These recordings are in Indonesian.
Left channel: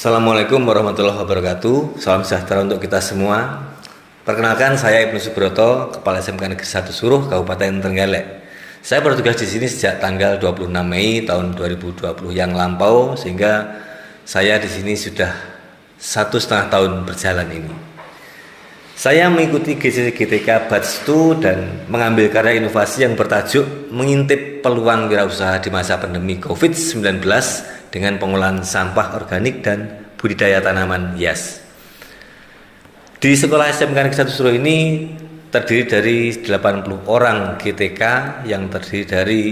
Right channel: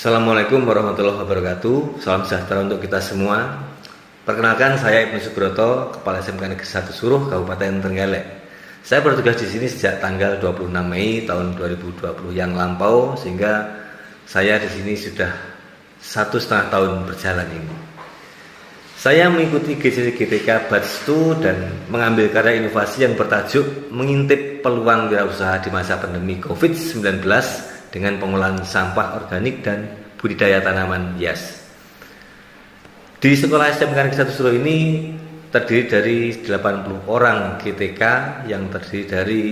Assalamualaikum warahmatullahi wabarakatuh. Salam sejahtera untuk kita semua. Perkenalkan, saya Ibnu Subroto, Kepala SMK Negeri 1 Suruh, Kabupaten Trenggalek. Saya bertugas di sini sejak tanggal 26 Mei tahun 2020 yang lampau, sehingga saya di sini sudah 1,5 tahun berjalan ini. Saya mengikuti GCC GTK Batch 2 dan mengambil karya inovasi yang bertajuk mengintip peluang wirausaha di masa pandemi COVID-19 dengan pengolahan sampah organik dan budidaya tanaman hias. Di sekolah SMK Negeri 1 Suruh ini terdiri dari 80 orang GTK yang terdiri dari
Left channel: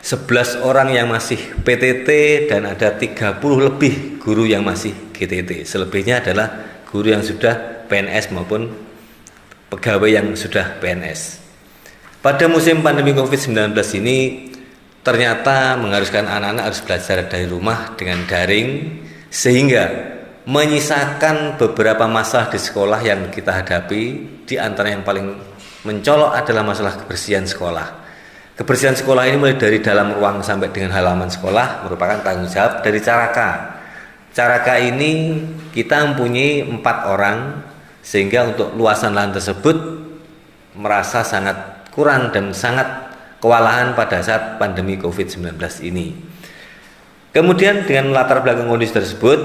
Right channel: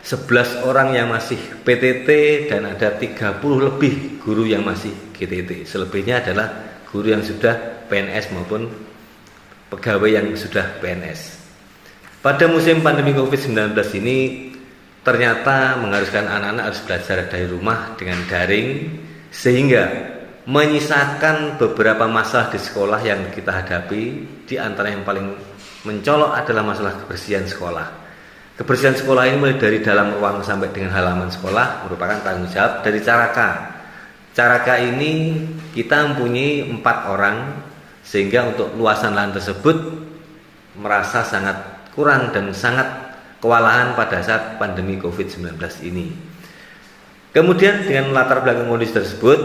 11 orang yang masih PTT dan ada 30 lebih guru yang masih GTT. Selebihnya adalah guru yang sudah PNS maupun pegawai yang sudah PNS. Pada musim pandemi COVID-19 ini ternyata mengharuskan anak-anak harus belajar dari rumah dengan daring, sehingga menyisakan beberapa masalah di sekolah yang kita hadapi. Di antara yang paling mencolok adalah masalah kebersihan sekolah. Kebersihan sekolah ini mulai dari dalam ruang sampai dengan halaman sekolah merupakan tanggung jawab dari Caraka. Caraka ini kita mempunyai 4 orang, sehingga untuk luasan lahan tersebut merasa sangat kurang dan sangat kewalahan pada saat pandemi COVID-19 ini. Kemudian dengan latar belakang kondisi tersebut,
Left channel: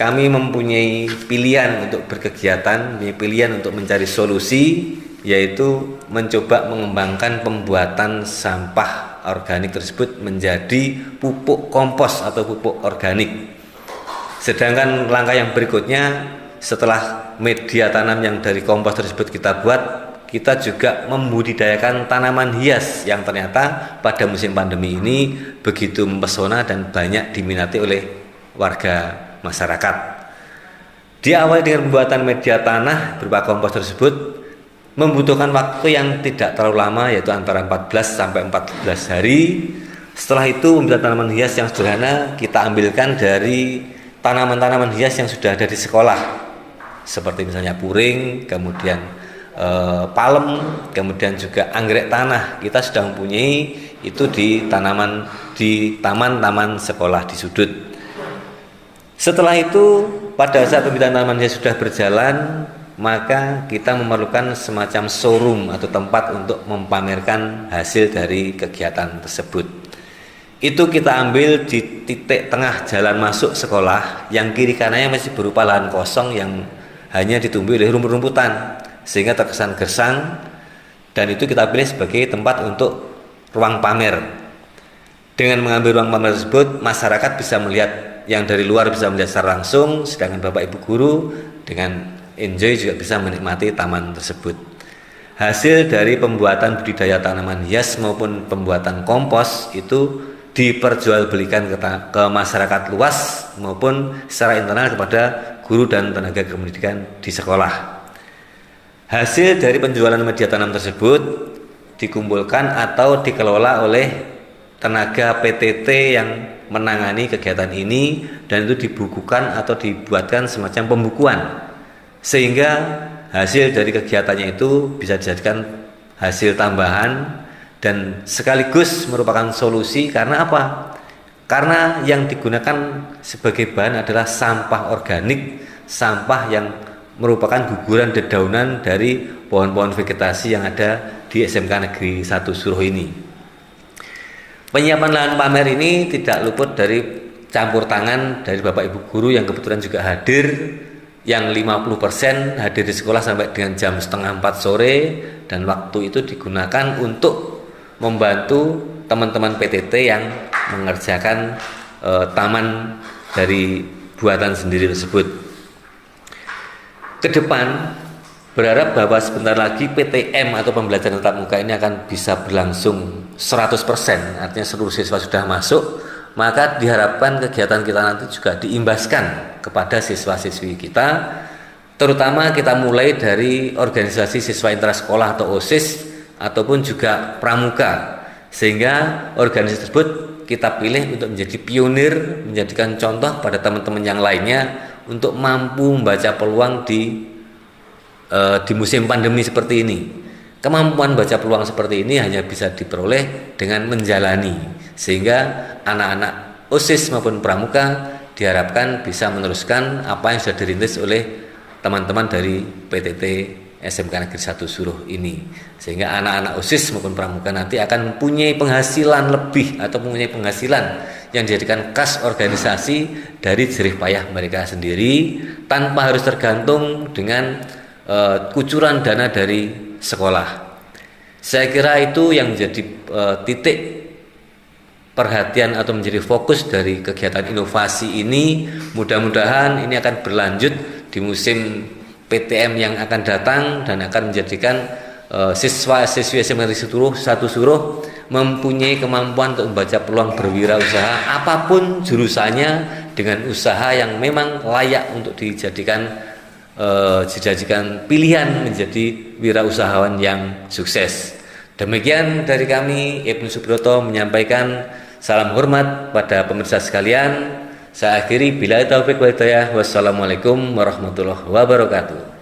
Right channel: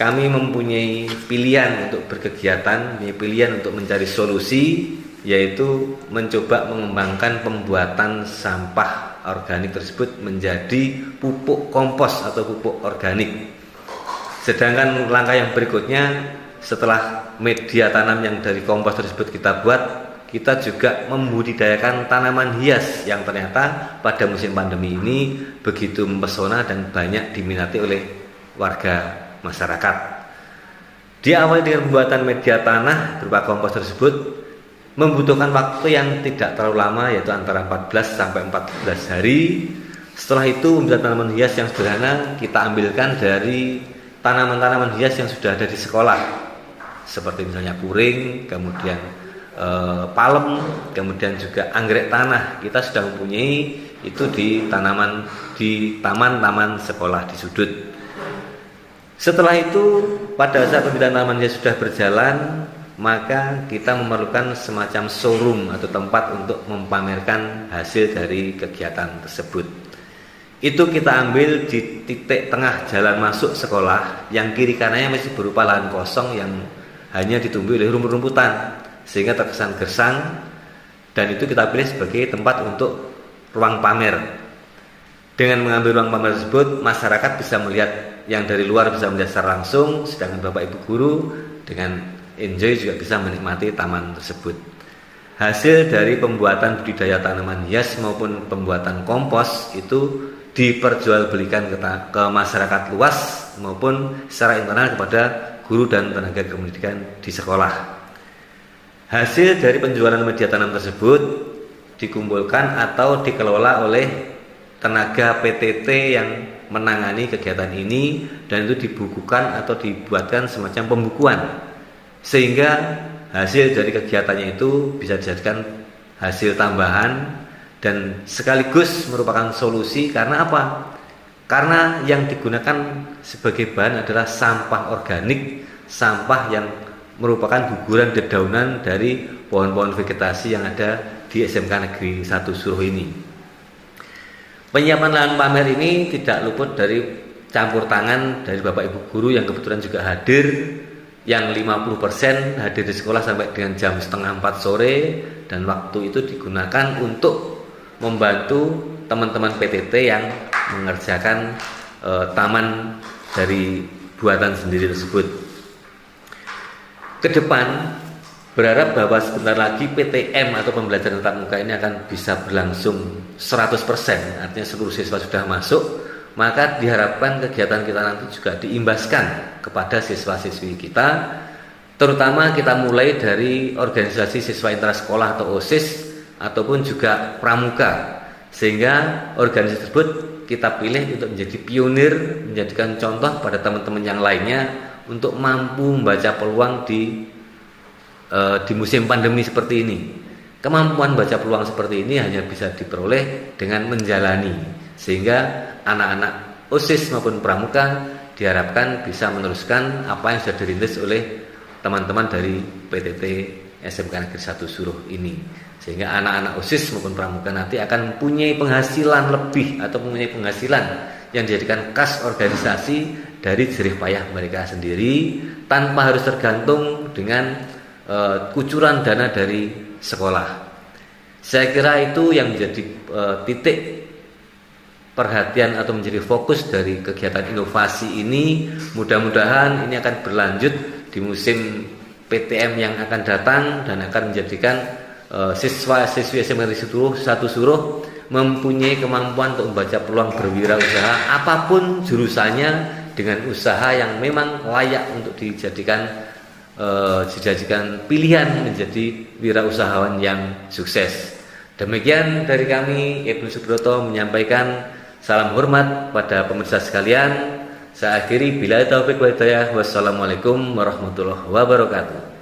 kami mempunyai pilihan untuk berkegiatan, pilihan untuk mencari solusi, yaitu mencoba mengembangkan pembuatan sampah organik tersebut menjadi pupuk kompos atau pupuk organik. Sedangkan langkah yang berikutnya, setelah media tanam yang dari kompos tersebut kita buat, kita juga membudidayakan tanaman hias yang ternyata pada musim pandemi ini begitu mempesona dan banyak diminati oleh warga masyarakat. Diawali dengan pembuatan media tanah berupa kompos tersebut membutuhkan waktu yang tidak terlalu lama, yaitu antara 14 sampai 14 hari. Setelah itu pembuatan tanaman hias yang sederhana kita ambilkan dari tanaman-tanaman hias yang sudah ada di sekolah, seperti misalnya puring, kemudian palem, kemudian juga anggrek tanah. Kita sudah mempunyai itu di taman-taman sekolah di sudut. Setelah itu pada saat pembuatan tanaman hias sudah berjalan, maka kita memerlukan semacam showroom atau tempat untuk mempamerkan hasil dari kegiatan tersebut. Itu kita ambil di titik tengah jalan masuk sekolah, yang kiri kanannya masih berupa lahan kosong yang hanya ditumbuhi oleh rumput-rumputan, sehingga terkesan gersang, dan itu kita pilih sebagai tempat untuk ruang pamer. Dengan mengambil ruang pamer tersebut, masyarakat bisa melihat, yang dari luar bisa melihat secara langsung, sedangkan Bapak Ibu guru dengan enjoy juga bisa menikmati taman tersebut. Hasil dari pembuatan budidaya tanaman hias maupun pembuatan kompos itu diperjualbelikan ke masyarakat luas maupun secara internal kepada guru dan tenaga pendidikan di sekolah. Hasil dari penjualan media tanam tersebut dikumpulkan atau dikelola oleh tenaga PTT yang menangani kegiatan ini, dan itu dibukukan atau dibuatkan semacam pembukuan, sehingga hasil dari kegiatannya itu bisa dijadikan hasil tambahan dan sekaligus merupakan solusi. Karena apa? Karena yang digunakan sebagai bahan adalah sampah organik, sampah yang merupakan guguran dedaunan dari pohon-pohon vegetasi yang ada di SMK Negeri 1 Suruh ini. Penyiapan lahan pamer ini tidak luput dari campur tangan dari Bapak Ibu guru yang kebetulan juga hadir, yang 50% hadir di sekolah sampai dengan jam 3:30 sore, dan waktu itu digunakan untuk membantu teman-teman PTT yang mengerjakan taman dari buatan sendiri tersebut. Ke depan berharap bahwa sebentar lagi PTM atau pembelajaran tatap muka ini akan bisa berlangsung 100%, artinya seluruh siswa sudah masuk, maka diharapkan kegiatan kita nanti juga diimbaskan kepada siswa-siswi kita, terutama kita mulai dari organisasi siswa intrasekolah atau OSIS ataupun juga pramuka, sehingga organisasi tersebut kita pilih untuk menjadi pionir, menjadikan contoh pada teman-teman yang lainnya untuk mampu membaca peluang di musim pandemi seperti ini. Kemampuan baca peluang seperti ini hanya bisa diperoleh dengan menjalani, sehingga anak-anak OSIS maupun pramuka diharapkan bisa meneruskan apa yang sudah dirintis oleh teman-teman dari PTT SMK Negeri 1 Suruh ini, sehingga anak-anak OSIS maupun pramuka nanti akan mempunyai penghasilan lebih atau mempunyai penghasilan yang dijadikan kas organisasi dari jerih payah mereka sendiri tanpa harus tergantung dengan kucuran dana dari sekolah. Saya kira itu yang menjadi titik perhatian atau menjadi fokus dari kegiatan inovasi ini. Mudah-mudahan ini akan berlanjut di musim PTM yang akan datang dan akan menjadikan siswa-siswi SMK Negeri 1 Suruh mempunyai kemampuan untuk membaca peluang berwirausaha apapun jurusannya, dengan usaha yang memang layak untuk dijadikan pilihan menjadi wirausahawan yang sukses. Demikian dari kami, Ibnu Subroto menyampaikan salam hormat pada pemirsa sekalian. Saya akhiri, billahi taufiq wal hidayah. Wassalamualaikum warahmatullahi wabarakatuh.